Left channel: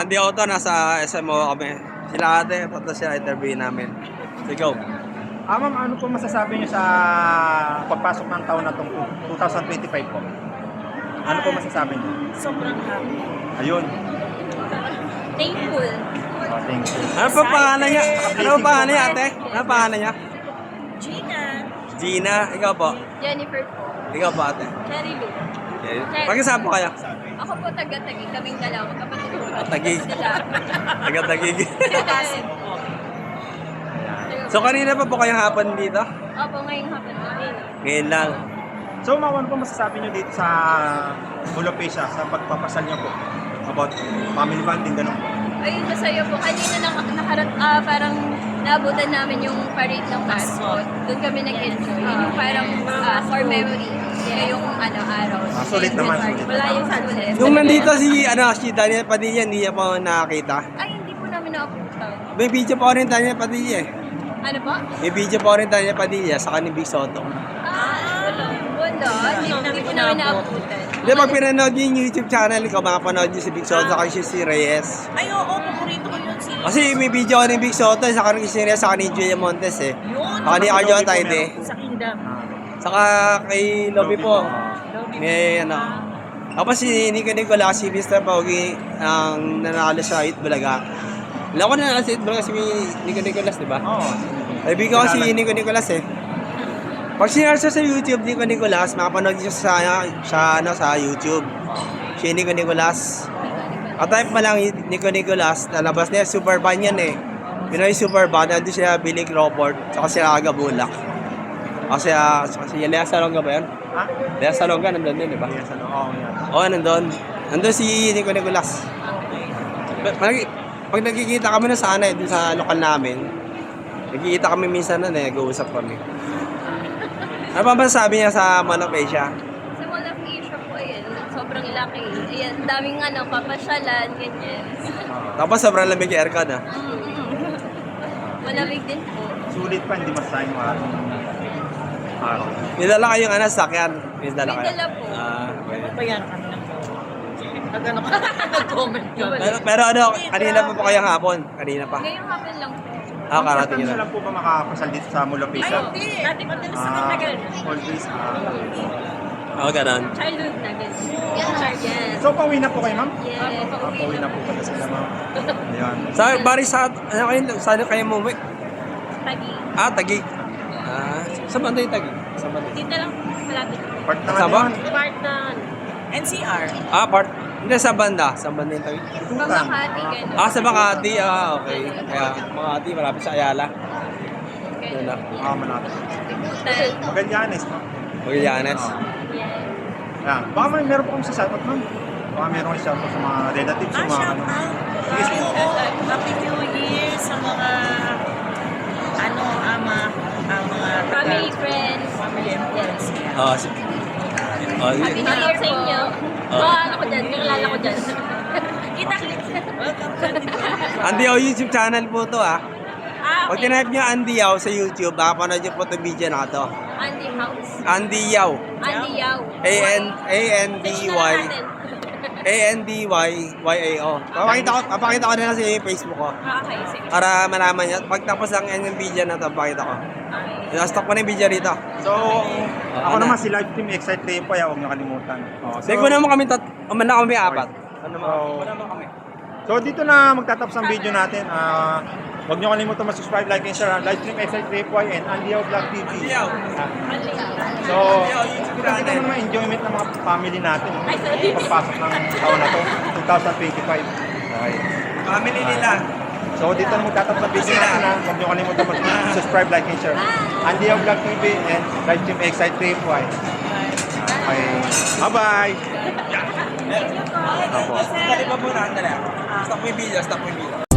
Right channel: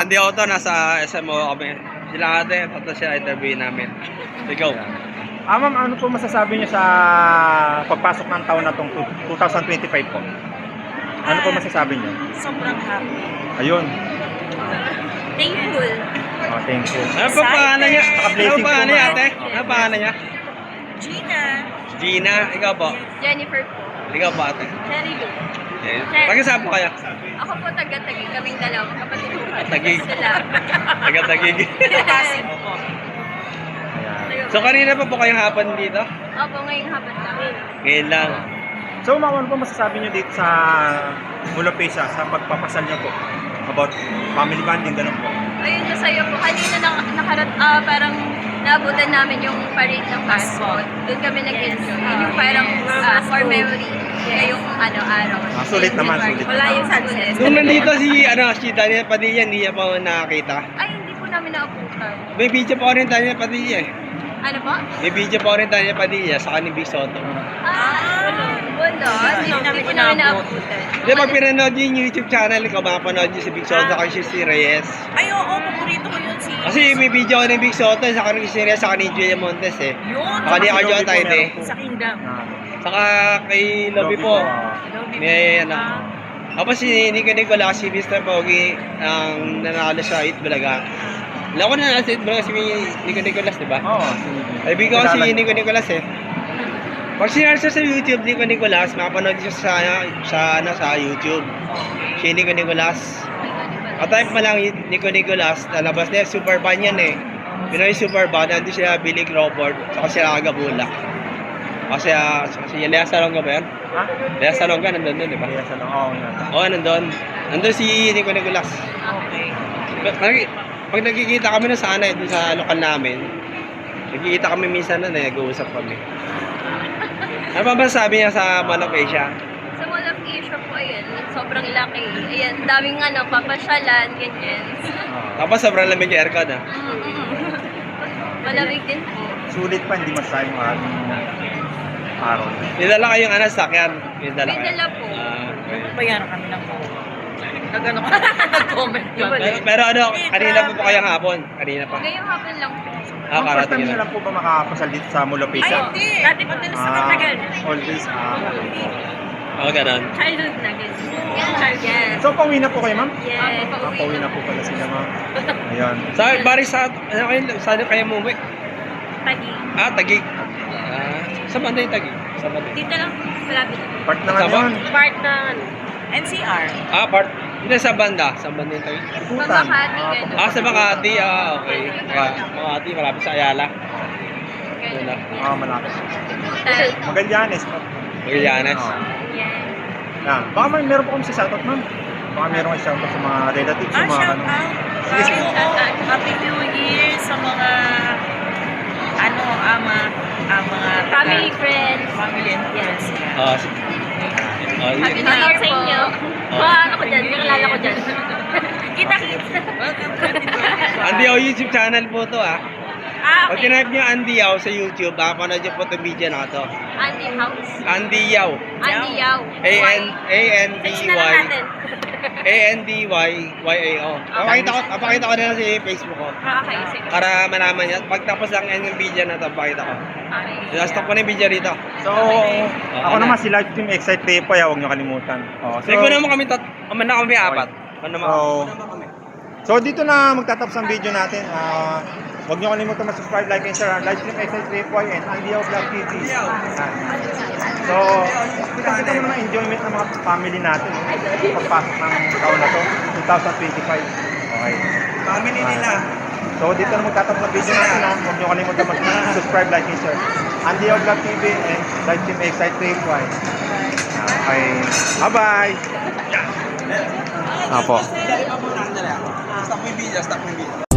Andy Auto, nasa SMO kami. Sila ate, tapos sila interview namin. So go. Ma'am, ano po masasabi niyo sa pagpasok ng taon na itong 2025 po? Ano po masasabi niyo? Sobrang happy. Ayun. Thankful. Thank you. Ano pa pangalan niya? Ano pa pangalan niya ate? Ano pangalan niya? Gina. Gina, ikaw po. Jennifer po. Ikaw po ate. Cherry Lou. Pag-isama po kayo. Ako po taga-Tagig. Kaming dalawa. Kapatid ko. Tagig. Sila. Taga-Tagig. Kasi po. So kanina pa po kayong hapon dito? Opo, ngayong hapon kami. Ngayon lang. So, ma'am, ano po masasabi niyo dito sa Mulapesa sa pagpapasal niyo po? About family bonding, ganun po. Ayun, masaya po. Kanina parang naabutan namin yung parade ng passport. Doon kami nag-enjoy. Yun yung parang for memory. Ngayong araw. Sulit naman, sulit. Wala yung sulit. Nung nandito si Daniel Padilla, hindi niya pa nakakita. Ay, hindi po namin naabutan. May video pa rin Daniel Padilla eh. Ano po? May video pa rin Daniel Padilla sa kanil Big Soto. Wala. Hindi po namin naabutan. Hindi, pag pinanood niyo yung YouTube channel ko, makapanood niyo si Big Soto sa kanil si Reyes. Ay, oo, paborito ko yun si... Kasi may video ko ni Big Soto sa kanil si Reyes, sa kanil Julia Montes eh. Yun! Saka ni Arjo Antayde. Sa Kingdom. Saka kay Lobby po. Lobby May ano. Tapos si Nico Nicolas, si Mr. Pogi, ang nanalo sa Hit Bulaga. Alam ko na nanalo sa Hit Bulaga si Nico Nicolas, di ba? Oo. Kaibigan ko si Nico Nicolas eh. Pag sinerge sa YouTube, Nico Nicolas, makapanood siya sa YouTube. Si Nico Nicolas. At type pa lang Nico Nicolas, nalabas na yan, super ban yan eh. Pinoy super ban, nandun siya Billy Crawford, saka siya Agabulak. Kasi si Lea Salonga ba yan? Lea Salonga, nandun din, di ba? Oo, nandun. Nandun si Nico Nicolas. Okay. Pag nagkikita kami na sana dun sa lokal namin, nagkikita kami minsan na nag-uusap kami. Ano pa ba sabi niya sa Monopecia? Sa Mall of Asia po, ayan, sobrang laki. Ayan, daming papasyalan, ganyan. Tapos sobrang lamig yung aircon ah. Malamig din po. Sulit pa, hindi masayang mga araw. Nidala kayong sakyan. Nidala kayo. May dala po. Okay. Bayaran kami ng po. Nag-ano ka? Nag-comment ka. Pero ano, kanina pa po kayong hapon? Kanina pa. Ngayong hapon lang po. Karating First time na. lang po ba makakapasal dito sa Ay, Mulapesa? hindi. Dati madalas na kami ganun. Always. Oo, ganun. Childhood na ganyan. Yes. So, pauwi na po kayo, ma'am? Yes. Opo, pauwi Pauwi na na po pala sila, ma'am. Ayan. Bari saan kayo umuwi? Tagi. Tagig. Sa banda yung Tagig? Sa banda. Dito lang, malapit. Part na Kasama? yun. Part ng NCR. Part. Hindi, sa banda. Sa banda yung Tagig. Pagmakati, gano'n. Sa Makati. Okay. Kaya Makati, malapit sa Ayala. Doon na. Malapit. Hotel. Magallanes, ma'am. Magallanes. Yeah. Baka meron po kami sa shoutout, ma'am. Baka meron kami shoutout sa mga relatives. sa mga- Shout out. Ay, oo. Happy New Year sa mga mga Family, friends. family and friends. Yeah. Happy Happy New Year sa inyo. Ano ko dyan? Nakilala ko dyan. Kita-kita. Welcome to the Andy Yao YouTube channel po to Pag Okay. tinype nyo Andy Yao sa YouTube, makapanood nyo po itong video na to. Andy House. Andy Yao. Andy Yao. A-N-D-Y. A-N-D-Y-Y-A-O. Papakita ko na lang sa Facebook ko. Okay, sige. Para malaman nyo. Pag tapos lang yan yung video na to, pakita ko. Okay. Stop ko na yung video rito. So, ako naman si Live Team Excite Repo, huwag nyo kalimutan. Sige, naman kami kami apat. Oh. So, dito na magtatapos ang video natin. Huwag nyo kalimutan mag-subscribe, like, and share. Live Team Excite Repo and Andy Yao Vlog TV. So, kita mo naman enjoyment ng mga family natin. Pagpasok ng taon na to, 2025. Okay. Family nila. So, dito na magtatapos ang video natin. Huwag nyo kalimutan mag-subscribe, like, and share. Andy Yao Vlog TV and Live Team Excite Repo. Okay. Bye-bye! Apo. Stop mo yung video, stop mo yung video.